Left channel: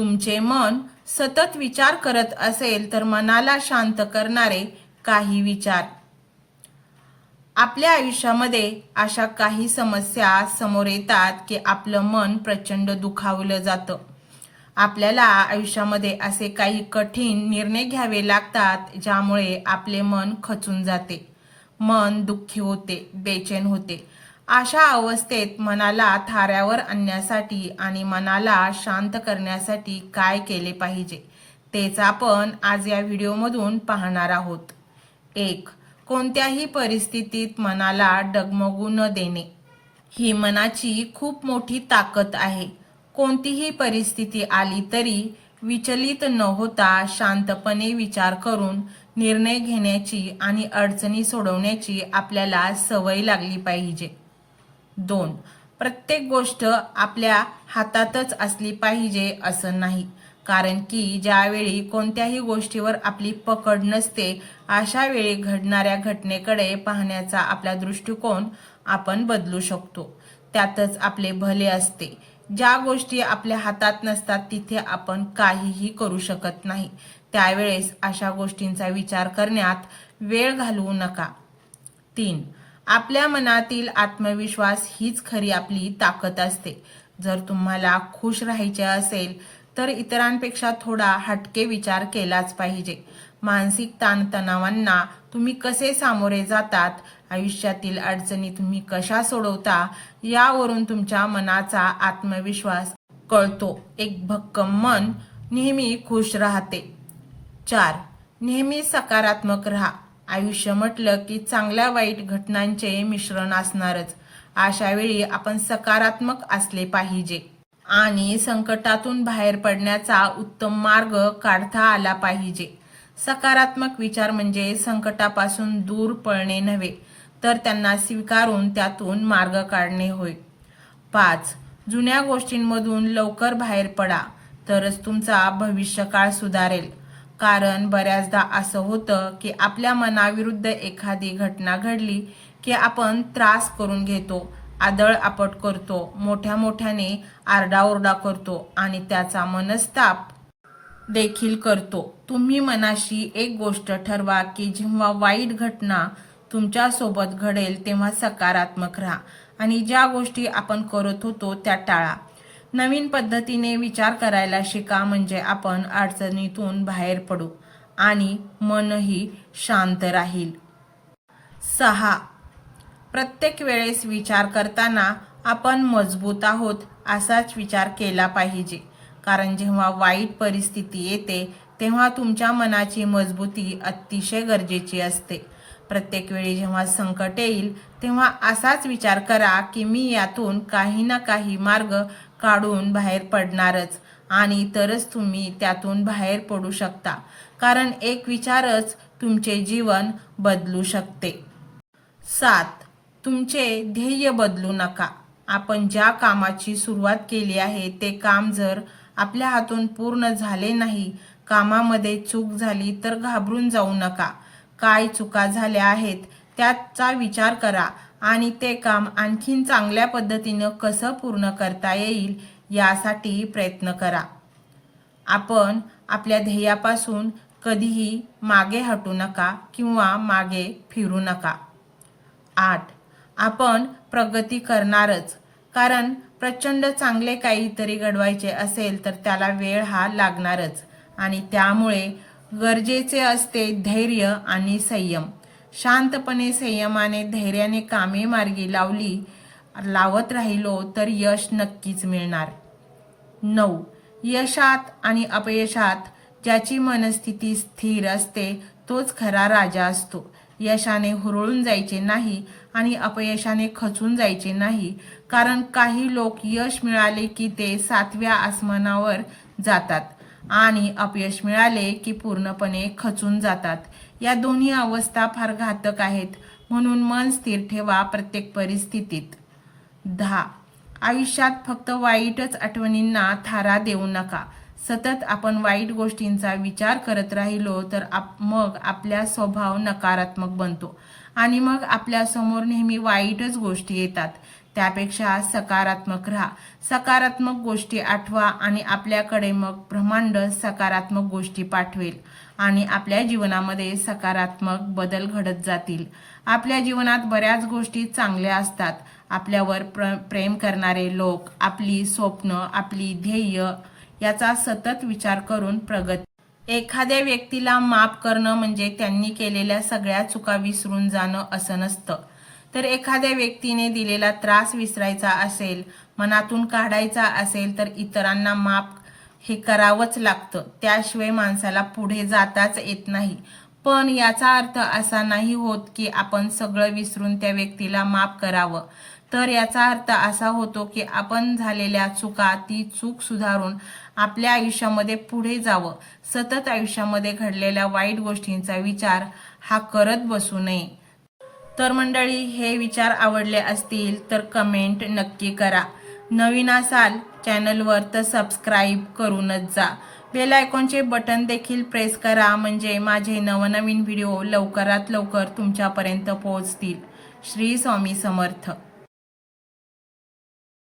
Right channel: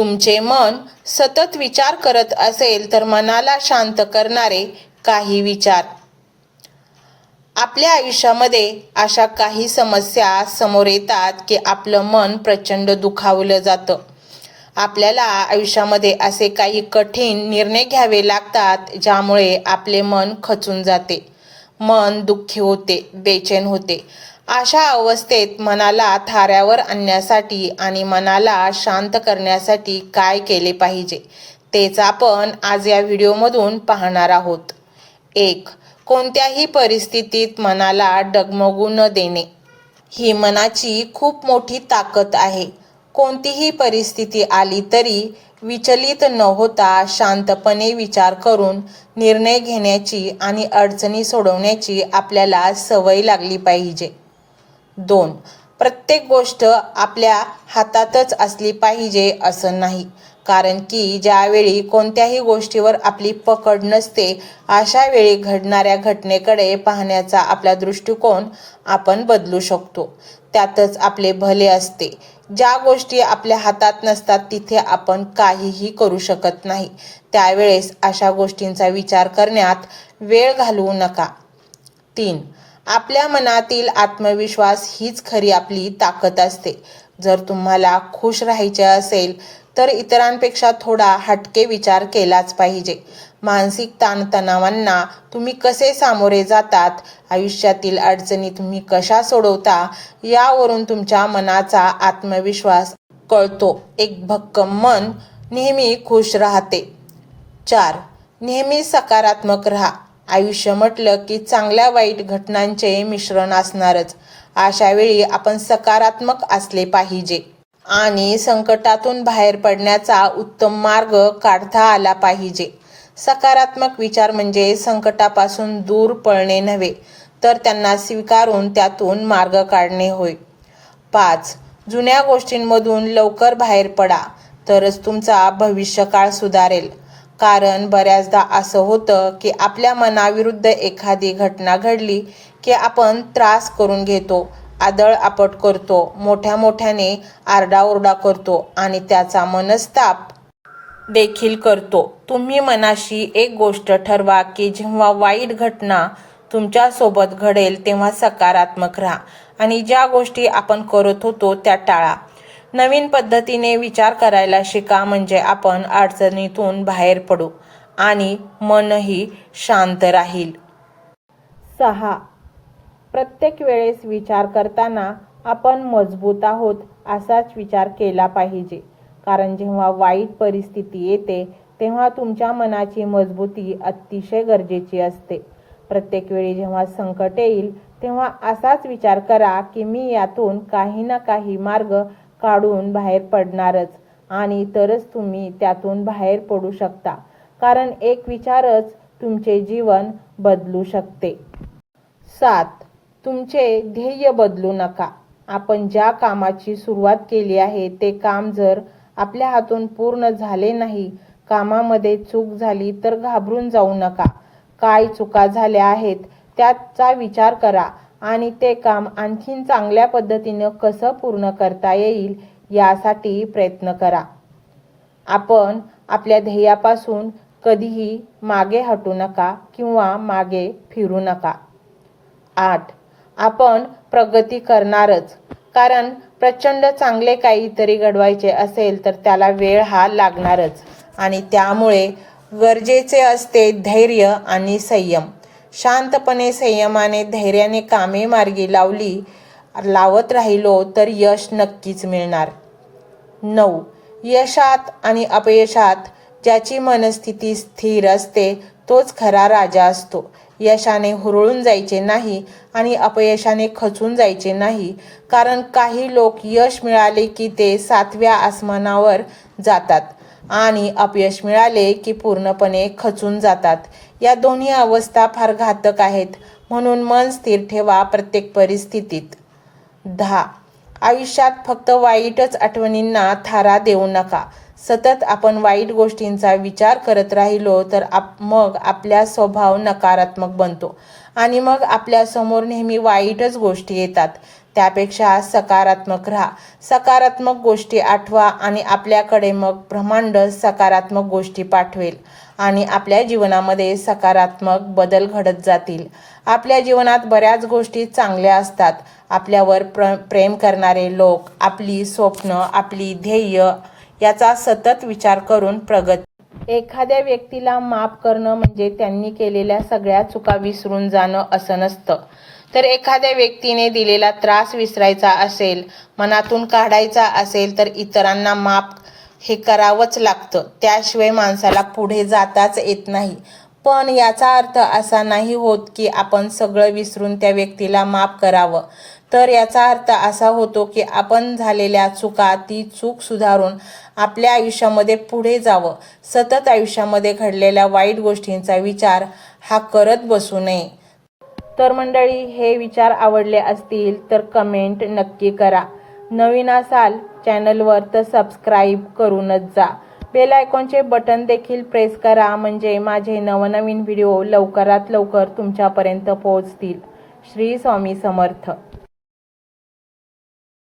तुमचे मन सतत विचार करत असेल तर मनाला शांत करणारे काही विचार. आपल्या आयुष्यामध्ये अशा काही समस्या समोर येतात की आपलं मन प्रचंड दुखावलं जातं. आपल्याला आयुष्यामध्ये असे काही कठीण निर्णय घ्यावे लागतात ज्यामुळे आपले मन खचून जाते. मन दुःखी होते बेचैन होते. अशा अवस्थेत मनाला थाऱ्यावर आणण्यासाठी आणि मनाला शांत करण्यासाठी काय केले पाहिजे तेच आपण आज या व्हिडिओमधून पाहणार आहोत. एक कोणत्याही परिस्थितीत मनाला डगमगू न देणे. ही मनाची खूप मोठी ताकद आहे. कोणतीही परिस्थिती आली तरी विचलित न होता शांतपणे विचार करून निर्णय घेण्याची आणि अडचणी सोडवण्याची आपल्याला सवय लागली पाहिजे. दोन. प्रत्येक गोष्ट आपल्या हातातच असली पाहिजे असं नाही. कारण की ज्यावेळी कोणत्याही गोष्टीवर आपली पकड नसते अशा वेळी घडणाऱ्या घटनेकडे पाहण्याचा आपला दृष्टिकोन आपण बदलू शकतो. त्यातच आपले भले असते. ज्या गोष्टी आपल्या हातात नसतात तिथे आपण काहीही करू शकत नाही. त्यावेळेस अशा गोष्टींचा विचार करण्यात वेळ घालवू नका. तीन. आपल्या मनातील आत्मविश्वास हीच खरी आपली ताकद असते. जर तुम्हाला खुश राहायचे असेल तर इतरांपेक्षा थोडा हटके विचार केलाच पाहिजे. मानसिक ताणतणावांना तुम्ही कसे सामोरे जातात आयुष्यातील अडचणी तुम्ही कशा सोडवता यावरून तुमच्या मनाचा आत्मविश्वास कळतो. एक भक्कम मन नेहमी खुश राहते. चार नेहमी सकारात्मक राहा. आयुष्य म्हटलं की चांगल्या वाईट घटनांचे मिश्रण असणारच. अशा वेळी आपण सकारात्मक असले पाहिजे. आणि संकटातून बाहेर पडण्याचा उत्तम मार्ग काढता आला पाहिजे. सकारात्मक विचार म्हणजे संकटापासून दूर पळणे नव्हे तर त्यांना स्वीकारून त्यातून मार्ग काढणे होय. पाच जुन्या गोष्टींमधून लवकर बाहेर पडा तरच तुमचा भविष्यकाळ सुधारेल. कारण बऱ्याचदा असं होतं की आपल्या मनाविरुद्ध एखादी घटना घडली की आपण त्रास करून घेतो आदळ आपट करतो मोठ्या मोठ्याने आरडाओरडा करतो आणि त्याचा मनस्ताप देखील करतो. तुम्ही मनाशी एक गोष्ट ठरवा की जेव्हा वाईट घटना तुमच्यासोबत घडेल तेव्हा सकारात्मक राहा आणि ज्या गोष्टी आपण करत होतो त्या टाळा. नवीन पद्धतीने विचार करायला शिका म्हणजे आपण अडचणीतून बाहेर पडू आणि मनही शांत राहील. सहा. प्रत्येक वेळेस विचार करताना आपण मजबूत आहोत असाच विचार केला पाहिजे. कारण जेव्हा वाईट परिस्थिती येते तेव्हा तुमच्या मनाची मजबूती अतिशय गरजेची असते. प्रत्येक वेळी जेव्हा संकट येईल तेव्हा असाच विचार करा की मी यातून काही ना काही मार्ग काढून बाहेर पडणारच आणि तरच तुम्ही त्यातून बाहेर पडू शकता. कारण एक विचारच तुमचे जीवन बदलू शकते. सात तुमचे ध्येय बदलू नका. आपण ज्या कामाची सुरुवात केली आहे ते काम जर आपल्या हातून पूर्ण झाले नाही कामामध्ये चूक झाली तर घाबरून जाऊ नका. काय चुका झाल्या आहेत त्याचा विचार करा. आणि ते काम आणखीन चांगल्या पद्धतीनं कसं पूर्ण करता येईल यासाठी प्रयत्न करा. आपण आपल्या ध्येयापासून कधीही मागे हटू नका किंवा मागे फिरू नका. आठ. आपण प्रगती करणारच. कारण प्रचंड चांगले काहीतरी घडवायचे असेल तर त्याला वेळ हा लागणारच. आणि त्यामुळे गरजेचे असते धैर्य आणि संयम. शांतपणे संयमाने धैर्याने कामे मार्गी लावली लावत राहिलो तर यश नक्कीच मिळणार. नऊ. यशात आणि अपयशात ज्याची मनस्थिती स्थिर असते तोच खरा राजा असतो. यशाने हुरळून जायचे नाही आणि अपयशाने खचून जायचे नाही. कारण काही लोक यश मिळाले की ते सातव्या आसमानावर जातात. आणि अपयश मिळाले की पूर्णपणे खचून जातात. या दोन्ही अवस्था फार घातक आहेत. म्हणून मन स्थिर ठेवा प्रत्येक परिस्थितीत. दहा. आयुष्यात फक्त वाईटच आठवणींना थारा देऊ नका. सतत आपण वाईट गोष्टींचा विचार करत राहिलो तर आप मग आपला स्वभाव नकारात्मक बनतो. आणि मग आपल्यासमोर नेहमी वाईटच गोष्टी येतात. त्यापेक्षा सकारात्मक राहा. सकारात्मक गोष्टी आठवा आणि आपल्याकडे मग ब्रह्मांड सकारात्मक गोष्टी पाठवेल आणि आपल्या जीवनामध्ये सकारात्मक बदल घडत जातील. आपल्या जीवनात बऱ्याच गोष्टी चांगल्या असतात. आपल्यावर प्र प्रेम करणारे लोक आपली स्वप्न आपली ध्येय याचा सतत विचार करून प्रगती एखाद्या व्यक्तीला माफ करणं म्हणजे त्यांनी केलेल्या सगळ्या चुका विसरून जाणं असं नसतं. तर एखाद्या व्यक्तीने दिलेला त्रास विसरायचा असेल मनातून काढायचा असेल तर इतरांना माप हे करावंच लागतं. त्याशिवाय माणसाला पुढे जाताच येत नाही. पण याचा अर्थ असा नाही होत की आपण सगळं विसरून त्या व्यक्तीला माफ करावं. तर याचा अर्थ असा होतो की आपण झालेल्या चुका ती चूक सुधारून आपल्या आयुष्यामध्ये पुढे जावं. सतत आयुष्यामध्ये घडलेल्या वाईट गोष्टींचा विचार हा करत बसू नये. तर मंडळी हे विचार आवडले असतील तर कमेंट नक्की करा. नवीन असाल चॅनलवर तर सबस्क्राईब करूनच जा. बेल आयकॉनचे बटन देखील प्रेस करा म्हणजे माझे नवनवीन व्हिडिओ लवकरात लवकर तुमच्यापर्यंत पोहोचतील. श्री स्वामी समर्थ.